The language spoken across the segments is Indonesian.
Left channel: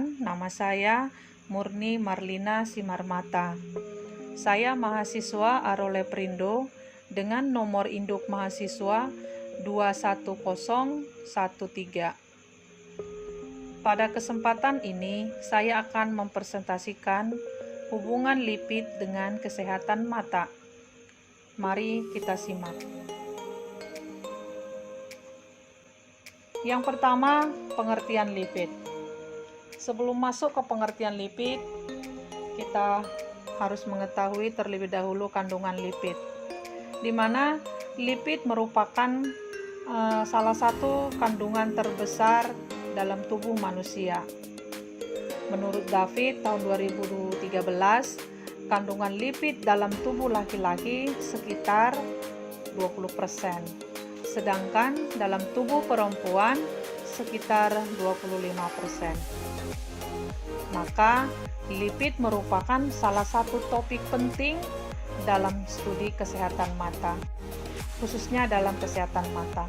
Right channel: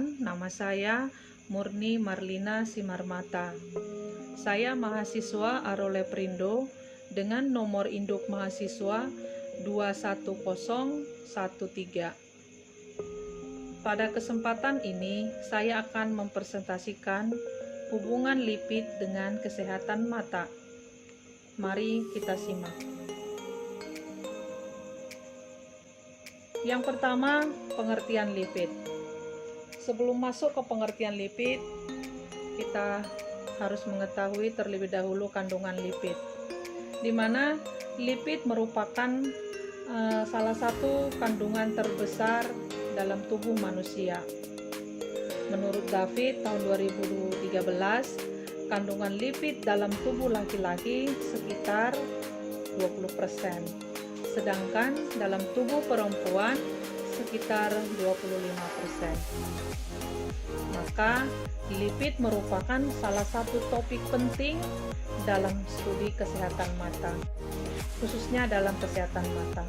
Perkenalkan, nama saya Murni Marlina Simarmata. Saya mahasiswa Arole Perindo dengan nomor induk mahasiswa 21013. Pada kesempatan ini, saya akan mempresentasikan hubungan lipid dengan kesehatan mata. Mari kita simak. Yang pertama, pengertian lipid. Sebelum masuk ke pengertian lipid, kita harus mengetahui terlebih dahulu kandungan lipid, di mana lipid merupakan salah satu kandungan terbesar dalam tubuh manusia. Menurut David tahun 2013, kandungan lipid dalam tubuh laki-laki sekitar 20%. Sedangkan dalam tubuh perempuan sekitar 25%. Maka lipid merupakan salah satu topik penting dalam studi kesehatan mata, khususnya dalam kesehatan mata.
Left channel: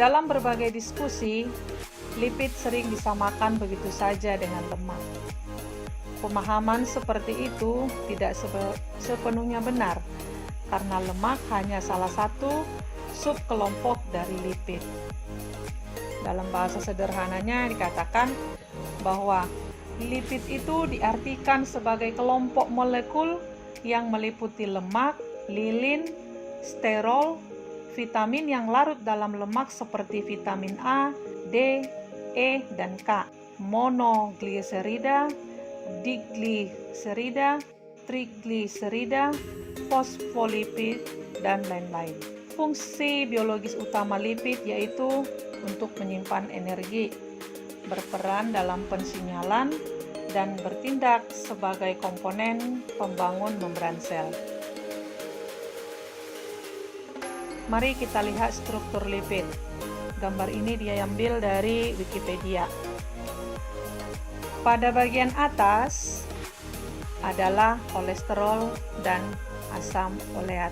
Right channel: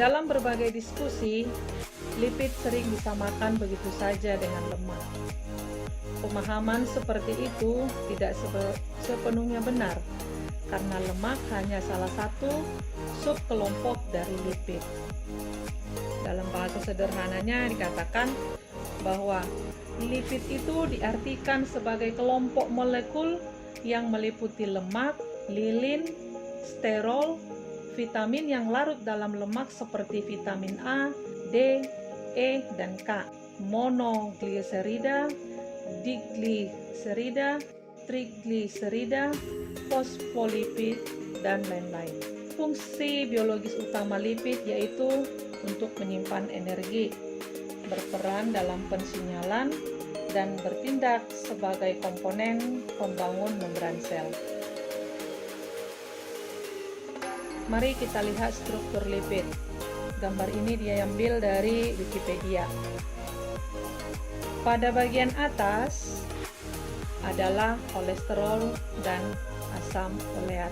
Dalam berbagai diskusi, lipid sering disamakan begitu saja dengan lemak. Pemahaman seperti itu tidak sepenuhnya benar, karena lemak hanya salah satu subkelompok dari lipid. Dalam bahasa sederhananya dikatakan bahwa lipid itu diartikan sebagai kelompok molekul yang meliputi lemak, lilin, sterol, vitamin yang larut dalam lemak seperti vitamin A, D, E, dan K, monogliserida, digliserida, trigliserida, fosfolipid, dan lain-lain. Fungsi biologis utama lipid yaitu untuk menyimpan energi, berperan dalam pensinyalan, dan bertindak sebagai komponen pembangun membran sel. Mari kita lihat struktur lipid. Gambar ini diambil dari Wikipedia. Pada bagian atas adalah kolesterol dan asam oleat.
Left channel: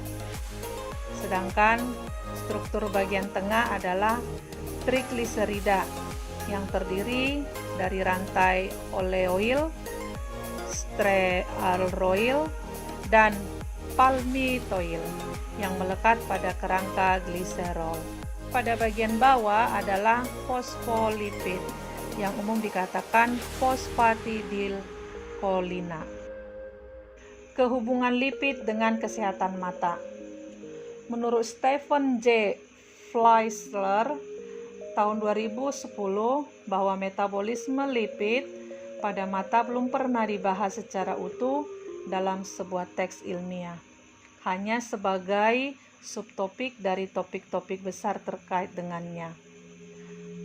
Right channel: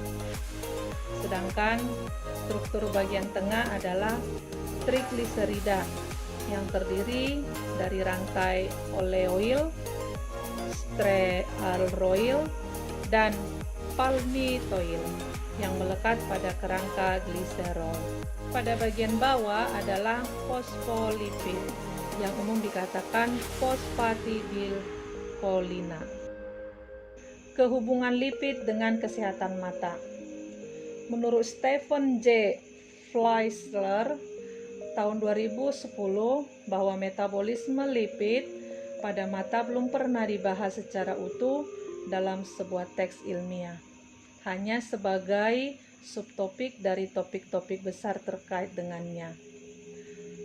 Sedangkan struktur bagian tengah adalah trigliserida yang terdiri dari rantai oleoil, stearoyl, dan palmitoyl yang melekat pada kerangka gliserol. Pada bagian bawah adalah fosfolipid yang umum dikatakan fosfatidilkolina. Kehubungan lipid dengan kesehatan mata. Menurut Stephen J. Fleischer tahun 2010 bahwa metabolisme lipid pada mata belum pernah dibahas secara utuh dalam sebuah teks ilmiah, hanya sebagai subtopik dari topik-topik besar terkait dengannya.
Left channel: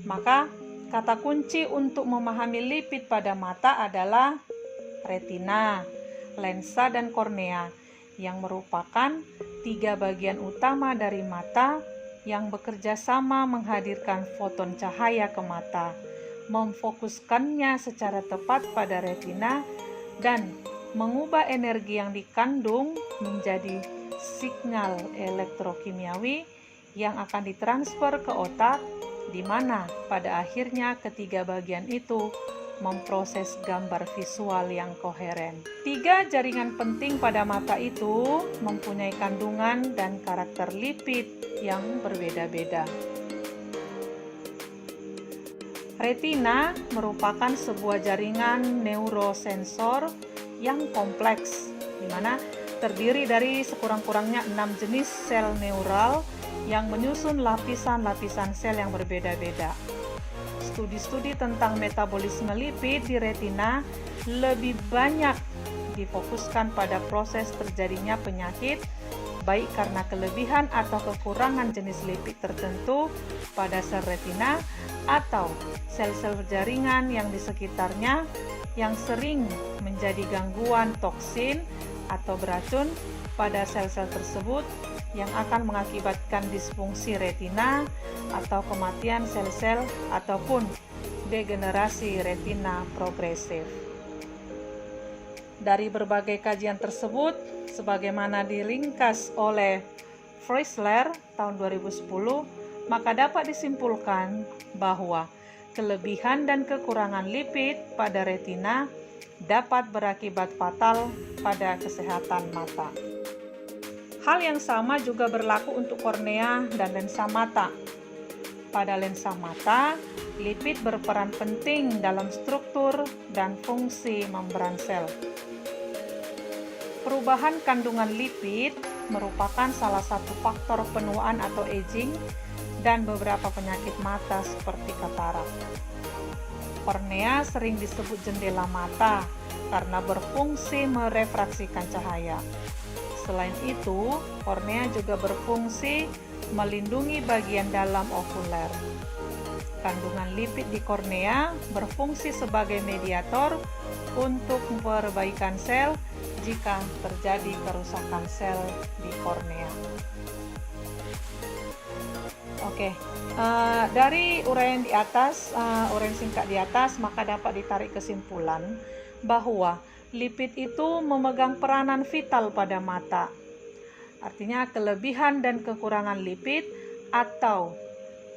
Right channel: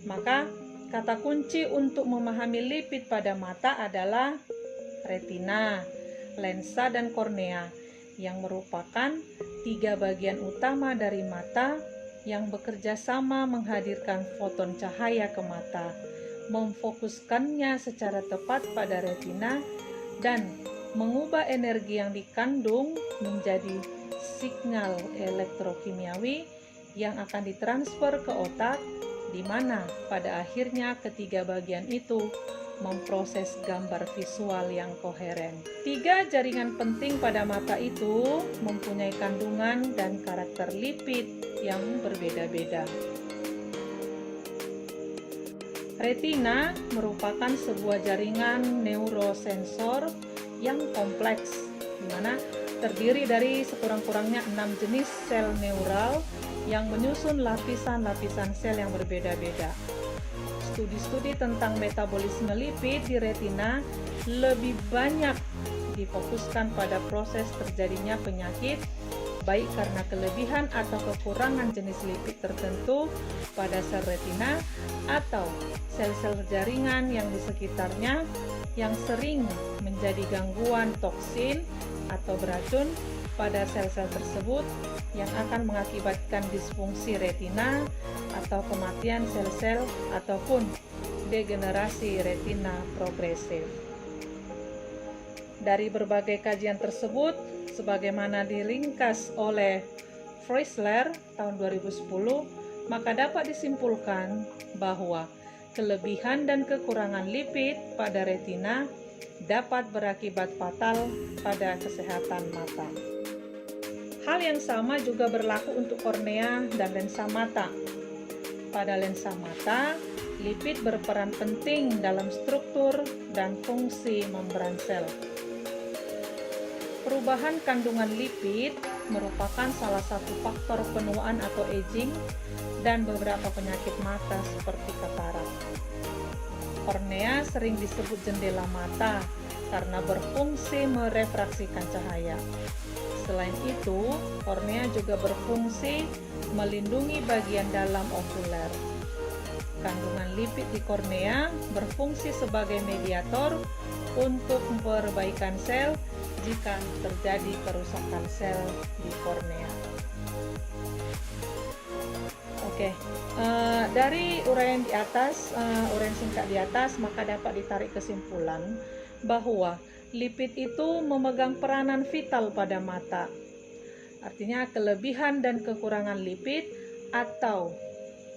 Maka kata kunci untuk memahami lipid pada mata adalah retina, lensa, dan kornea, yang merupakan tiga bagian utama dari mata yang bekerja sama menghadirkan foton cahaya ke mata, memfokuskannya secara tepat pada retina, dan mengubah energi yang dikandung menjadi signal elektrokimiawi yang akan ditransfer ke otak, di mana pada akhirnya ketiga bagian itu memproses gambar visual yang koheren. Tiga jaringan penting pada mata itu mempunyai kandungan dan karakter lipid yang berbeda-beda. Retina merupakan sebuah jaringan neurosensor yang kompleks, di mana terdiri dari sekurang-kurangnya 6 jenis sel neural yang menyusun lapisan-lapisan sel yang berbeda-beda. Studi-studi tentang metabolisme lipid di retina lebih banyak difokuskan pada proses terjadinya penyakit, baik karena kelebihan atau kekurangan jenis lipid tertentu pada sel retina atau sel-sel jaringan yang di sekitarnya yang sering menjadi gangguan toksin atau beracun pada sel-sel tersebut yang akan mengakibatkan disfungsi retina atau kematian sel-sel ataupun degenerasi retina progresif. Dari berbagai kajian tersebut, sebagaimana diringkas oleh Fleischer tahun 2010, maka dapat disimpulkan bahwa kelebihan dan kekurangan lipid pada retina dapat berakibat fatal pada kesehatan mata. Hal yang sama juga berlaku untuk kornea dan lensa mata. Pada lensa mata, lipid berperan penting dalam struktur dan fungsi membran sel. Perubahan kandungan lipid merupakan salah satu faktor penuaan atau aging dan beberapa penyakit mata seperti katarak. Kornea sering disebut jendela mata karena berfungsi merefraksikan cahaya. Selain itu, kornea juga berfungsi melindungi bagian dalam okuler. Kandungan lipid di kornea berfungsi sebagai mediator untuk perbaikan sel jika terjadi kerusakan sel di kornea. Dari uraian di atas, uraian singkat di atas, maka dapat ditarik kesimpulan bahwa lipid itu memegang peranan vital pada mata. Artinya kelebihan dan kekurangan lipid atau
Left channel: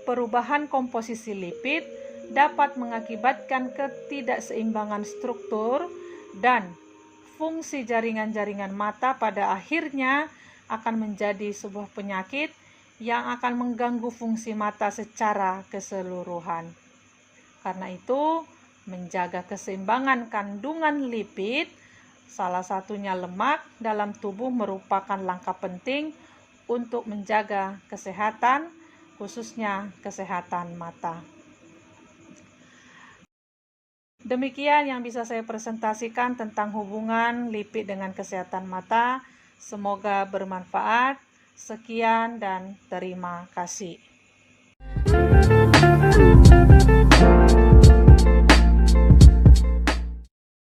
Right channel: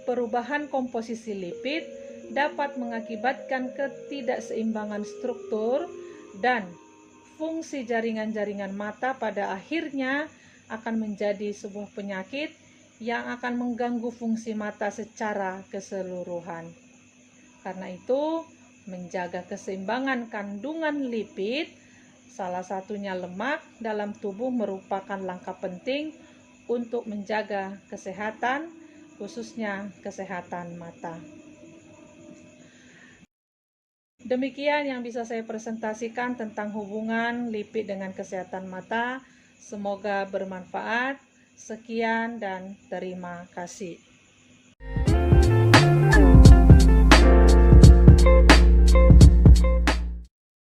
perubahan komposisi lipid dapat mengakibatkan ketidakseimbangan struktur dan fungsi jaringan-jaringan mata, pada akhirnya akan menjadi sebuah penyakit yang akan mengganggu fungsi mata secara keseluruhan. Karena itu, menjaga keseimbangan kandungan lipid, salah satunya lemak, dalam tubuh merupakan langkah penting untuk menjaga kesehatan, khususnya kesehatan mata. Demikian yang bisa saya presentasikan tentang hubungan lipid dengan kesehatan mata. Semoga bermanfaat. Sekian dan terima kasih.